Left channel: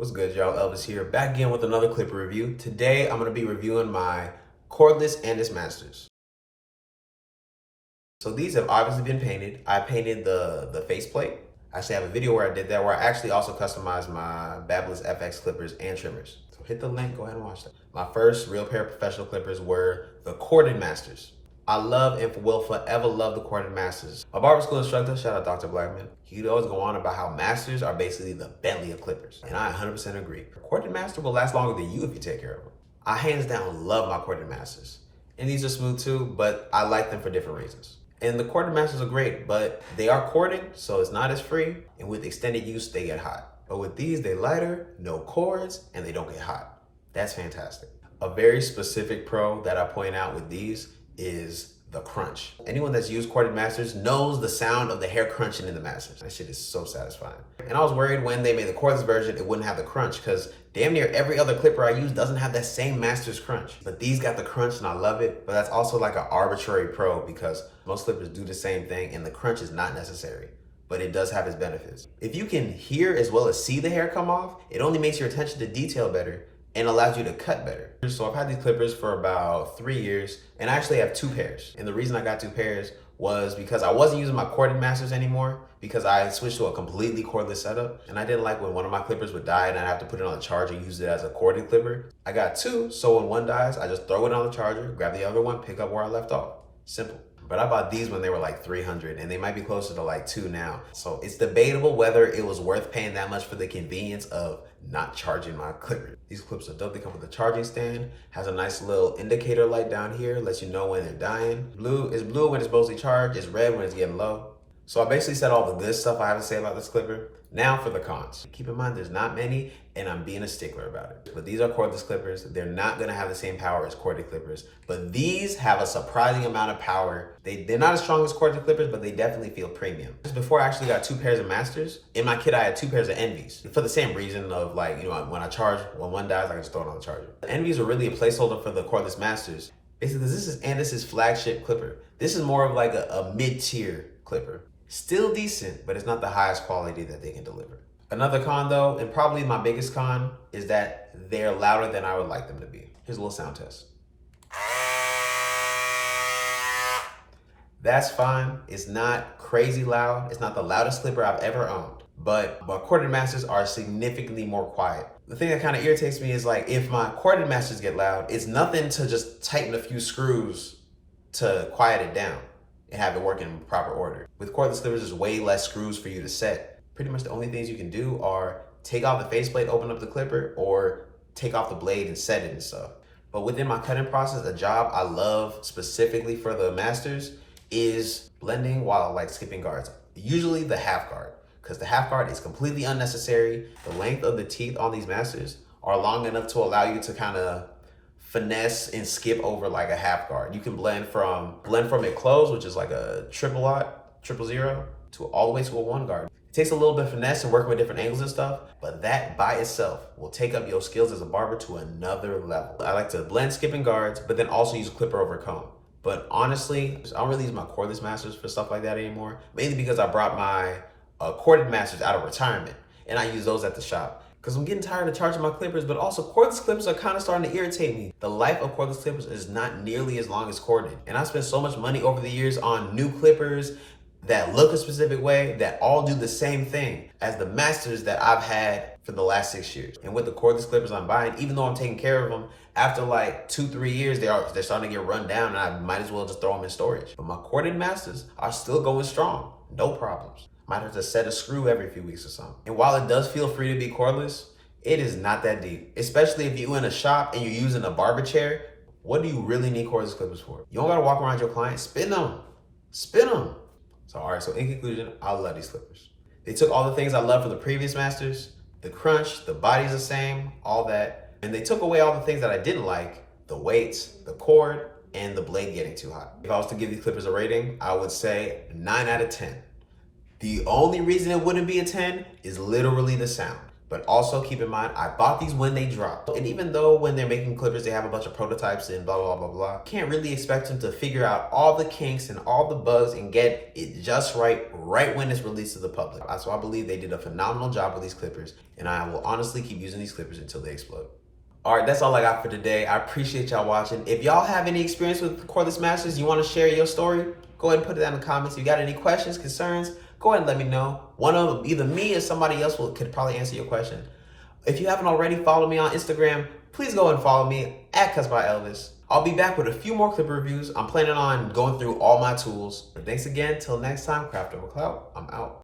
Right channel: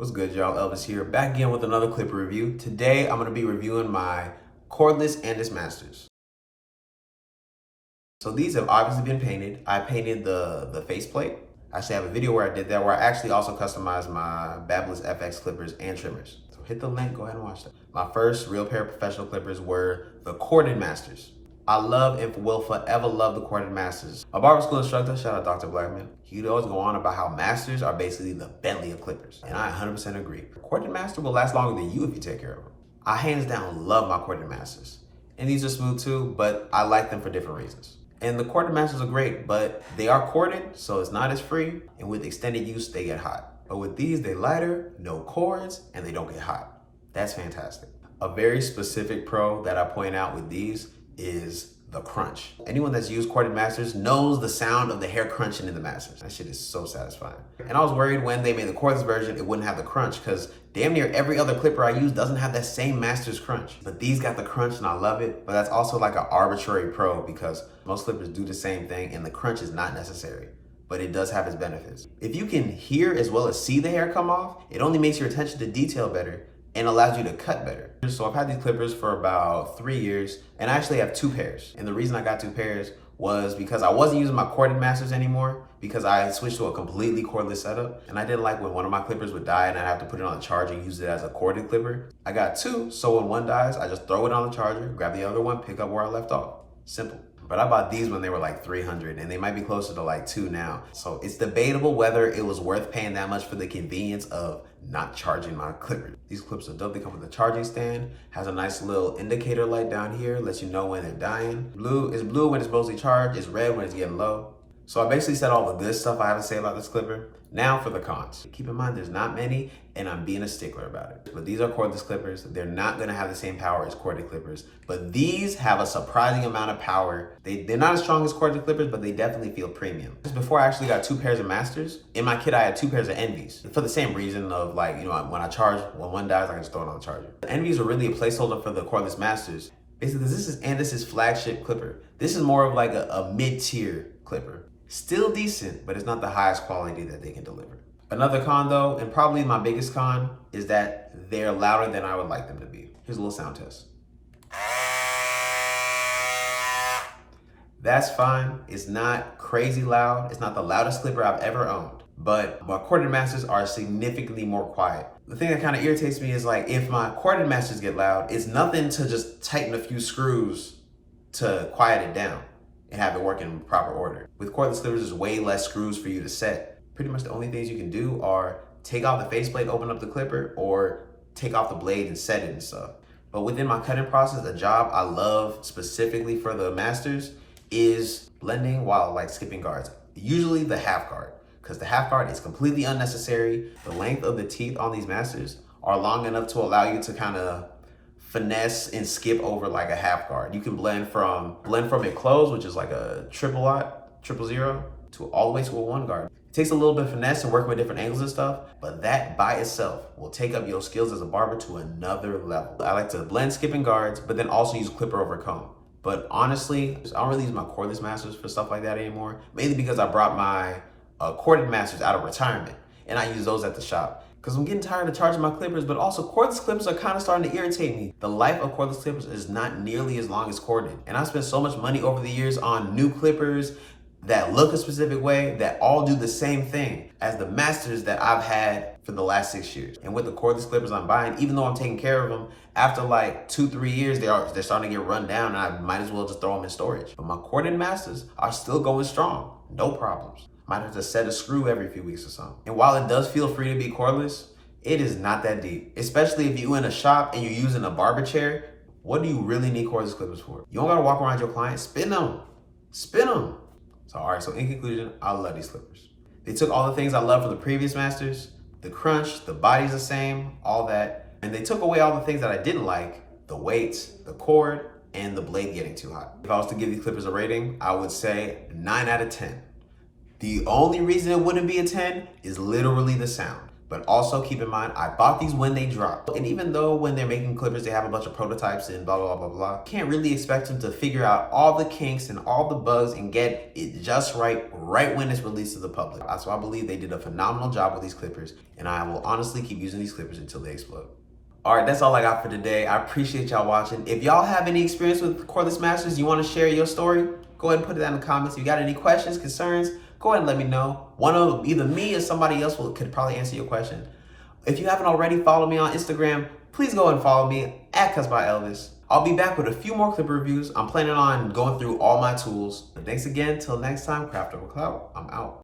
What's good, y'all? Elvis here, back again with another clipper review. Today, I'm going to be reviewing my cordless Andis Masters. So these have obviously been painted. I painted the faceplate. I actually have a video where I did that, where I actually also customized my Babyliss FX clippers and trimmers. So hit the link, go ahead and watch that. My first real pair of professional clippers were the Corded Masters. I love and will forever love the Corded Masters. My barber school instructor, shout out Dr. Blackman, he'd always go on about how Masters are basically the Bentley of clippers. And I 100% agree. A Corded Master will last longer than you if you take care of them. I hands down love my Corded Masters. And these are smooth too, but I like them for different reasons. And the Corded Masters are great, but they are corded, so it's not as free. And with extended use, they get hot. But with these, they lighter, no cords, and they don't get hot. That's fantastic. A very specific pro that I point out with these is the crunch. Anyone that's used Corded Masters knows the sound of the hair crunching in the Masters. That shit is so satisfying. And I was worried when they made the cordless version, it wouldn't have the crunch, because damn near every other clipper I use doesn't have that same Masters crunch. But these got the crunch and I love it. But that's also like an arbitrary pro, because most clippers do the same thing and the crunch is not necessary. But it does have its benefits. If you can hear as well as see the hair come off, it only makes your attention to detail better and allows you to cut better. So I've had these clippers for about 3 years, and I actually have 2 pairs. And the reason I got 2 pairs was because I wasn't using my Corded Masters anymore, because I switched to a completely cordless setup. And I didn't like when one of my clippers would die and I'd have to put it on the charger and use it as a corded clipper. I got 2, so when one dies, I just throw it on the charger, grab the other one, pick up where I left off. Simple. But I bought these when they were like $300, and they might be closer to like $2 now. So it's debatable whether it was worth paying that much for the convenience of not charging my clippers. These clips are dope. They come with a charging stand, has a nice little indicator light down here, lets you know when they're dying. Blue is blue when it's mostly charged, it's red when it's getting low. So I basically said all the good stuff I have to say about this clipper. Now for the cons. Keep in mind, there's not many, and I'm being a stickler about it. But these are cordless clippers. They're not gonna have the same power as corded clippers, but these have a surprising amount of power. They're not as strong as corded clippers, but they definitely feel premium. Just before I actually got 2 pairs of Masters, in my kit I had 2 pairs of Envies. For the same reason of, like, you know, when I charge, when one dies, I can just throw it on the charger. The Envies are really a placeholder for the cordless Masters. Basically, this is Andis' flagship clipper. This is more of like a mid-tier clipper. Still decent, but it's not the highest quality that they can deliver. Another con though, and probably my biggest con, is that they're louder than I would like them to be. Here's a little sound test. That's fine. It's not crazy loud. It's not the loudest clipper I've ever owned. But my Corded Masters are significantly more quiet. The thing that kind of irritates me is, like, if my Corded Masters get loud, it's nothing to just tighten a few screws to quiet it down and have it work in proper order. With cordless clippers, there's way less screws for you to set. Pretty much the only things you can do are take off the faceplate, open up the clipper, or take off the blade and set it and stuff. But within my cutting process, a job I love specifically for the Masters is blending while, like, skipping guards. Usually the half guard, because the half guard is completely unnecessary. The length of the teeth on these Masters are long enough to allow you to kind of finesse and skip over like a half guard. You can blend from it closed, which is like a triple zero, to all the way to a 1 guard. It takes a little bit of finesse and working with different angles and stuff, but that by itself will take up your skills as a barber to another level. I like to blend skipping guards, but then also use clipper over comb. But honestly, I don't really use my cordless Masters for stuff like that anymore, mainly because I brought my corded Masters out of retirement, and I use those at the shop. Because I'm getting tired of charging my clippers, but also cordless clippers are kind of starting to irritate me. The life of cordless clippers is not nearly as long as corded. And I spent so much money over the years on new clippers that look a specific way, that all do the same thing as the Masters that I've had for the last 6 years. And with the cordless clippers I'm buying, even though I'm taking care of them, after like 2-3 years, they're starting to get run down, and I might as well just throw them in storage. But my corded Masters are still going strong, no problems. Might have to set a screw every few weeks or something. And while it does feel free to be cordless, it is not that deep. Especially if you're in a shop and you're using a barber chair. What do you really need cordless clippers for? You don't gotta walk around your client, spin them. Spin them. So, all right, so in conclusion, I love these clippers. They took all the things I loved from the previous Masters, the crunch, the body's the same, all that. And they took away all the things that I didn't like, the weights, the cord, and the blade getting too hot. If I was to give these clippers a rating, I would say 9 out of 10. The only reason it wouldn't be a 10 is literally the sound. But also keep in mind, I bought these when they dropped. And even though when they're making clippers, they have a bunch of prototypes and blah, blah, blah, blah, can't really expect them to figure out all the kinks and all the bugs and get it just right when it's released to the public. So I believe they did a phenomenal job with these clippers, and I will honestly keep using these clippers until they explode. All right, that's all I got for today. I appreciate y'all watching. If y'all have any experience with cordless masters, you want to share your story, go ahead and put it down in the comments. If you got any questions, concerns, go ahead and let me know. One of either me or somebody else could probably answer your question. If you haven't already followed me on Instagram, please go and follow me at @CusByElvis. I'll be back with a few more clipper reviews. I'm planning on going through all my tools. But thanks again. Till next time, craft over clout. I'm out.